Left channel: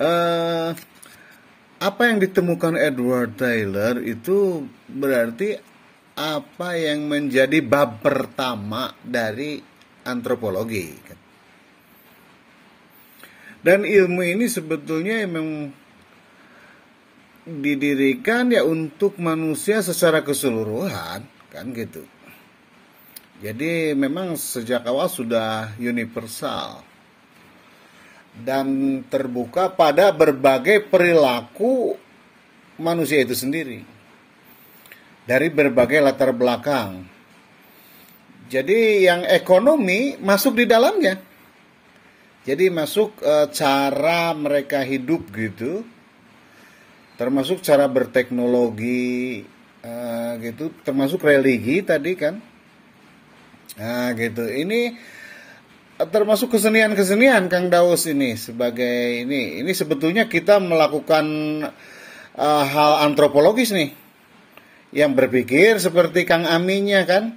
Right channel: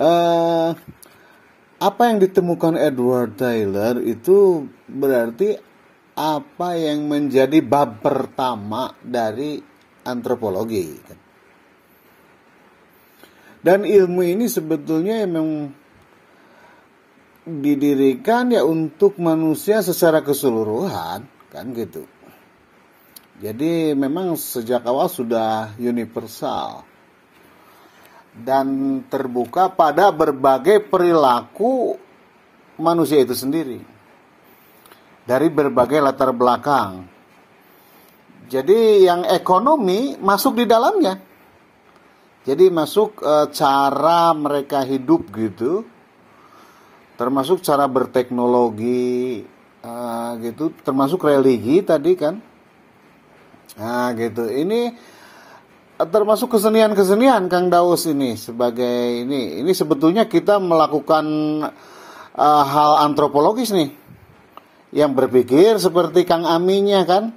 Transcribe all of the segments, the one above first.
eh, apa yang ditemukan Edward Tyler itu berarti apa yang menjadi bab pertama dari antropologi. Dan ilmu ini sebetulnya memang didirikan ya untuk manusia secara keseluruhan, kan gitu. Jadi memang sejak awal sudah universal dan terbuka pada berbagai perilaku manusia itu sendiri dari berbagai latar belakang. Jadi yang ekonomi masuk di dalamnya. Jadi masuk cara mereka hidup gitu. Termasuk cara berteknologi gitu, termasuk religi tadi kan. Nah gitu. Ini termasuk kesenian-kesenian Kang Daus ini sebagai ini sebetulnya kita melakukan hal antropologis nih. Yang berpikir seperti Kang Aminya kan.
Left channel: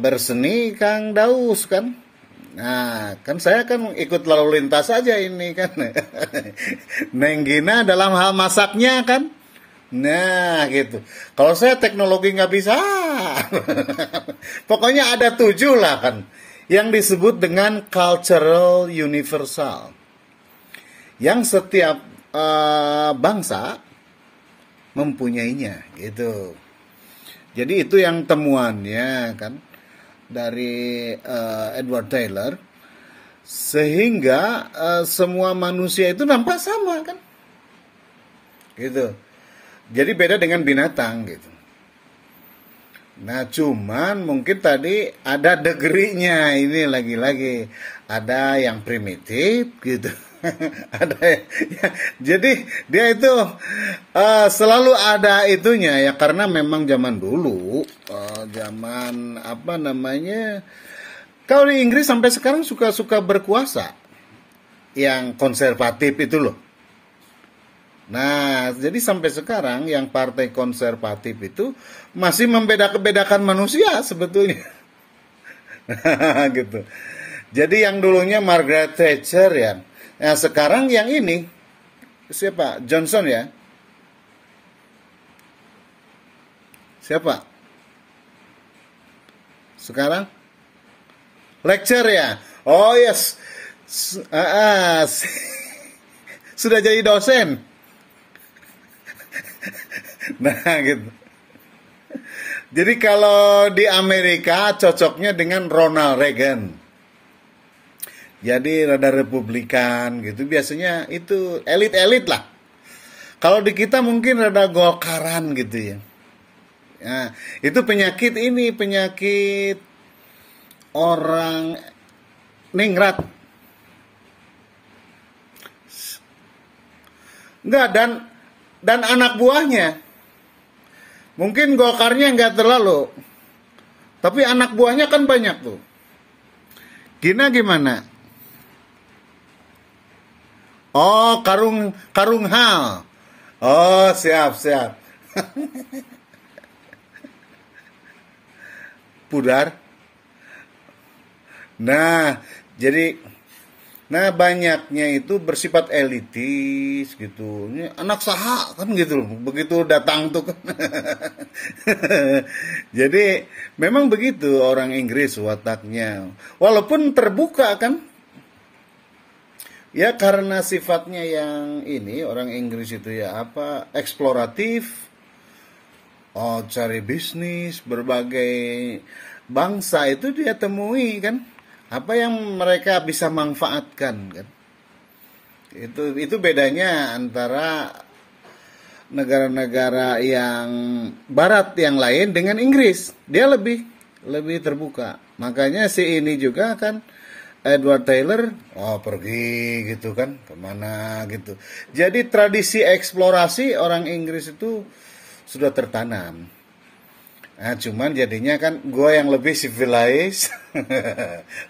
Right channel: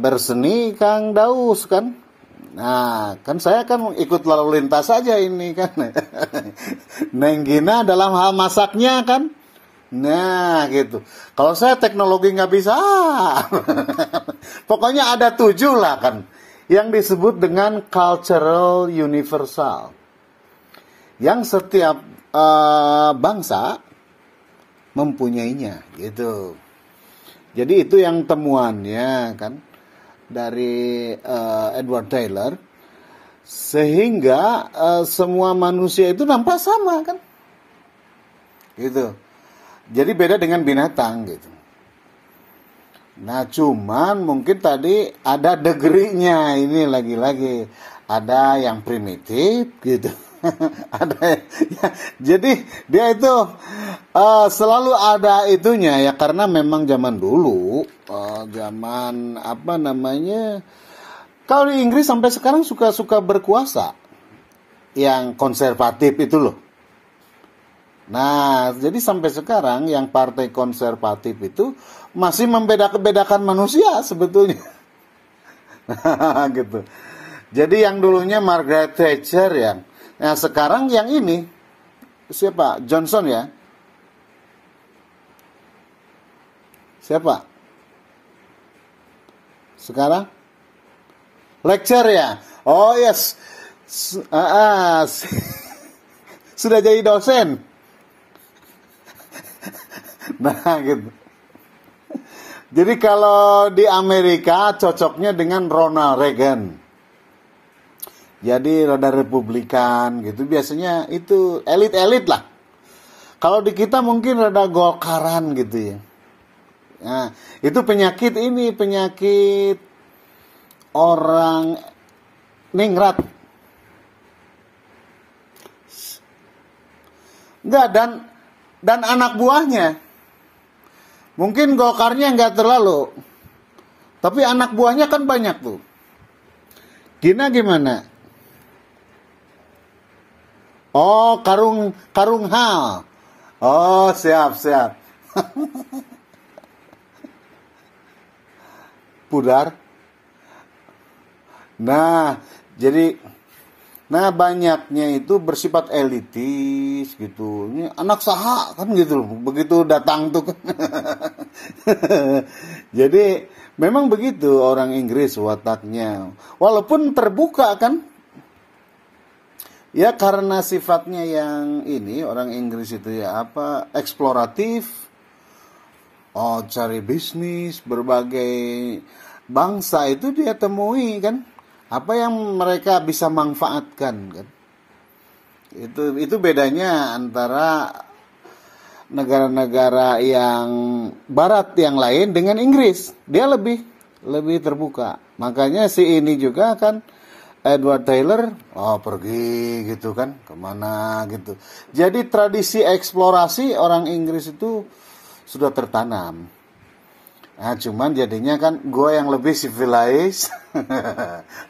Berseni Kang Daus kan. Nah, kan saya kan ikut lalu lintas saja ini kan. Neng Gina dalam hal masaknya kan. Nah, gitu. Kalau saya teknologi nggak bisa. Pokoknya ada 7 lah kan. Yang disebut dengan cultural universal. Yang setiap bangsa mempunyainya gitu. Jadi itu yang temuannya kan. Dari Edward Tyler, sehingga semua manusia itu nampak sama kan, gitu. Jadi beda dengan binatang gitu. Nah cuman mungkin tadi ada degrinya ini lagi-lagi, ada yang primitif gitu. Ada ya, jadi dia itu selalu ada itunya ya karena memang zaman dulu zaman apa namanya kalau di Inggris sampai sekarang suka berkuasa yang konservatif itu loh. Nah jadi sampai sekarang yang partai konservatif itu masih membedakan manusia sebetulnya. Gitu. Jadi yang dulunya Margaret Thatcher ya. Nah sekarang yang ini siapa? Johnson ya? Siapa? Sekarang? Lecture ya? Oh yes. Sudah jadi dosen. Nah gitu. Jadi kalau di Amerika cocoknya dengan Ronald Reagan. Jadi rada republikan gitu. Biasanya itu elit-elit lah. Kalau di kita mungkin rada golkaran gitu ya. Nah, itu penyakit orang ningrat. Enggak, dan anak buahnya. Mungkin golkarnya enggak terlalu. Tapi anak buahnya kan banyak tuh. Gimana? Oh, karung hal. Oh, siap. Pudar. Nah, jadi banyaknya itu bersifat elitis gitu. Ini anak saha kan gitu. Begitu datang tuh. Jadi memang begitu orang Inggris wataknya. Walaupun terbuka kan. Ya karena sifatnya yang ini orang Inggris itu ya eksploratif, cari bisnis, berbagai bangsa itu dia temui kan, apa yang mereka bisa manfaatkan kan. Itu bedanya antara negara-negara yang Barat yang lain dengan Inggris, dia lebih terbuka. Makanya si ini juga kan. Edward Tyler, pergi gitu kan, kemana gitu. Jadi tradisi eksplorasi orang Inggris itu sudah tertanam. Nah cuman jadinya kan gue yang lebih civilized,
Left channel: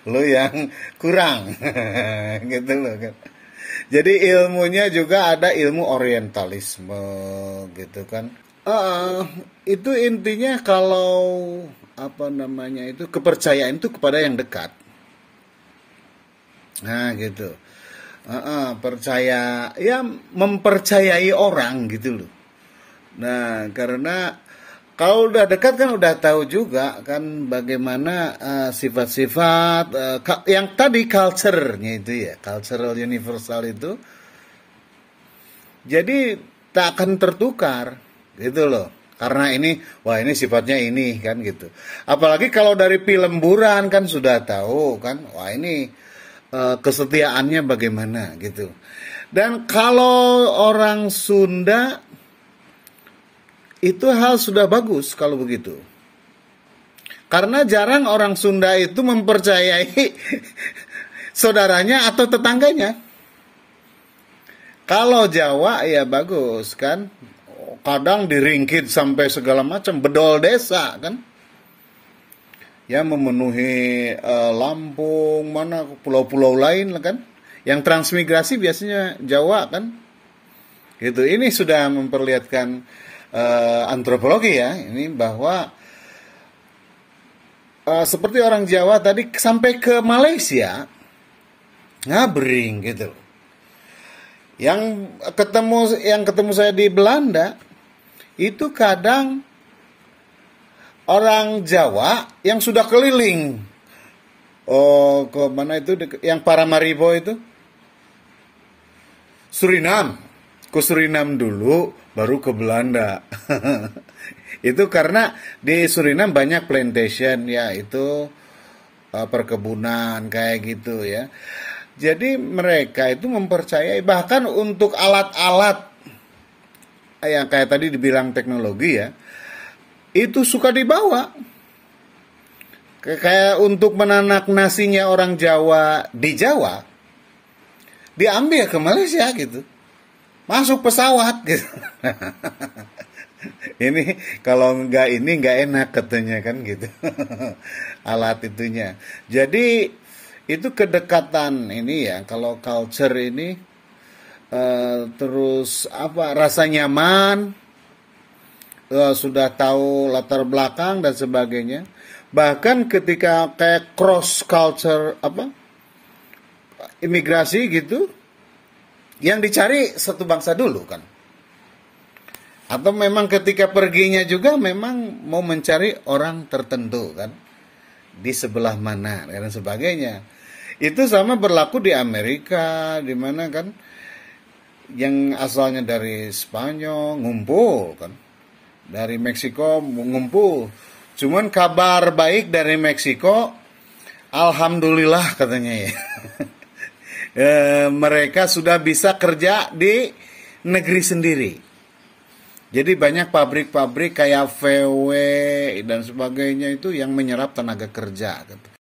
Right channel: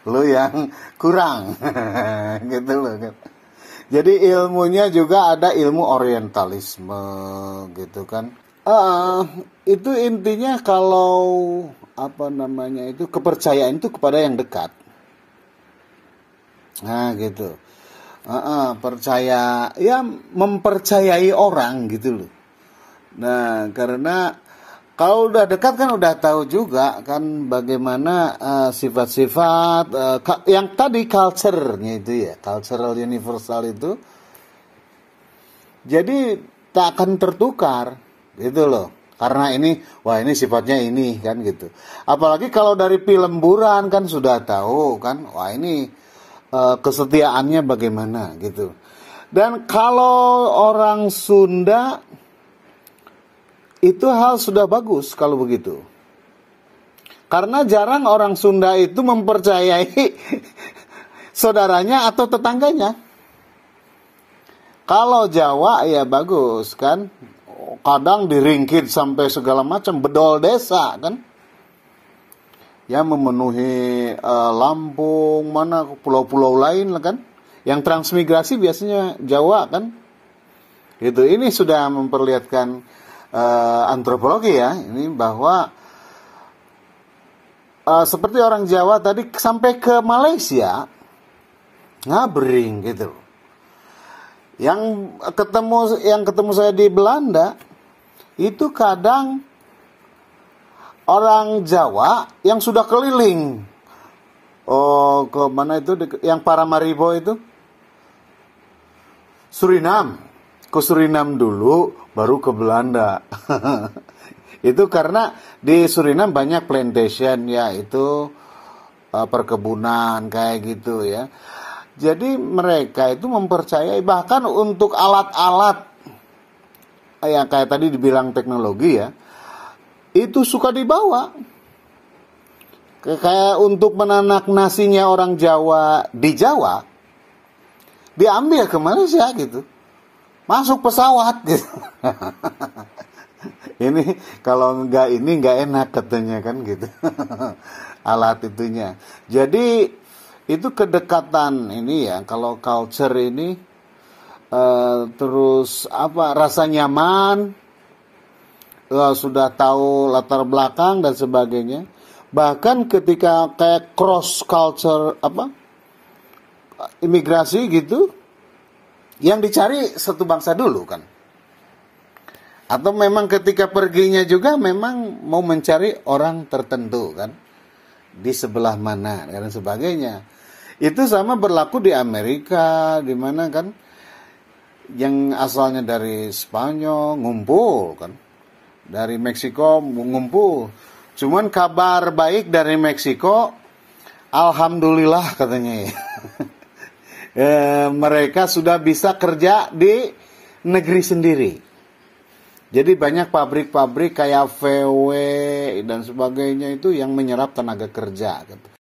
lo yang kurang, gitu loh kan. Jadi ilmunya juga ada ilmu orientalisme gitu kan. Itu intinya kalau itu kepercayaan itu kepada yang dekat. Nah gitu. percaya, ya mempercayai orang gitu loh. Nah, karena kalau udah dekat kan udah tahu juga kan bagaimana sifat-sifat yang tadi culture-nya itu ya, cultural universal itu. Jadi tak akan tertukar gitu loh. Karena ini, wah ini sifatnya ini kan gitu. Apalagi kalau dari film Buran kan sudah tahu kan, wah ini kesetiaannya bagaimana gitu. Dan kalau orang Sunda itu hal sudah bagus kalau begitu. Karena jarang orang Sunda itu mempercayai saudaranya atau tetangganya. Kalau Jawa ya bagus kan. Kadang diringkit sampai segala macam, bedol desa kan. Ya memenuhi Lampung, mana pulau-pulau lain lah kan. Yang transmigrasi biasanya Jawa kan. Gitu. Ini sudah memperlihatkan antropologi ya, ini bahwa seperti orang Jawa tadi sampai ke Malaysia ngabring gitu. Yang ketemu saya di Belanda itu kadang orang Jawa yang sudah keliling. Oh, ke mana itu yang Paramaribo itu? Suriname. Ke Suriname dulu baru ke Belanda. Itu karena di Suriname banyak plantation ya, itu perkebunan kayak gitu ya. Jadi mereka itu mempercayai bahkan untuk alat-alat yang kayak tadi dibilang teknologi ya, itu suka dibawa. Kayak untuk menanak nasinya orang Jawa di Jawa, diambil ke Malaysia gitu. Masuk pesawat gitu. Ini kalau nggak enak katanya kan gitu. Alat itunya. Jadi itu kedekatan ini ya, kalau culture ini terus rasa nyaman, sudah tahu latar belakang dan sebagainya. Bahkan ketika kayak cross culture imigrasi gitu, yang dicari satu bangsa dulu kan. Atau memang ketika perginya juga memang mau mencari orang tertentu kan, di sebelah mana dan sebagainya. Itu sama berlaku di Amerika, di mana kan yang asalnya dari Spanyol ngumpul kan, dari Meksiko ngumpul. Cuman kabar baik dari Meksiko, alhamdulillah katanya ya. Mereka sudah bisa kerja di negeri sendiri. Jadi banyak pabrik-pabrik kayak VW dan sebagainya itu yang menyerap tenaga kerja gitu.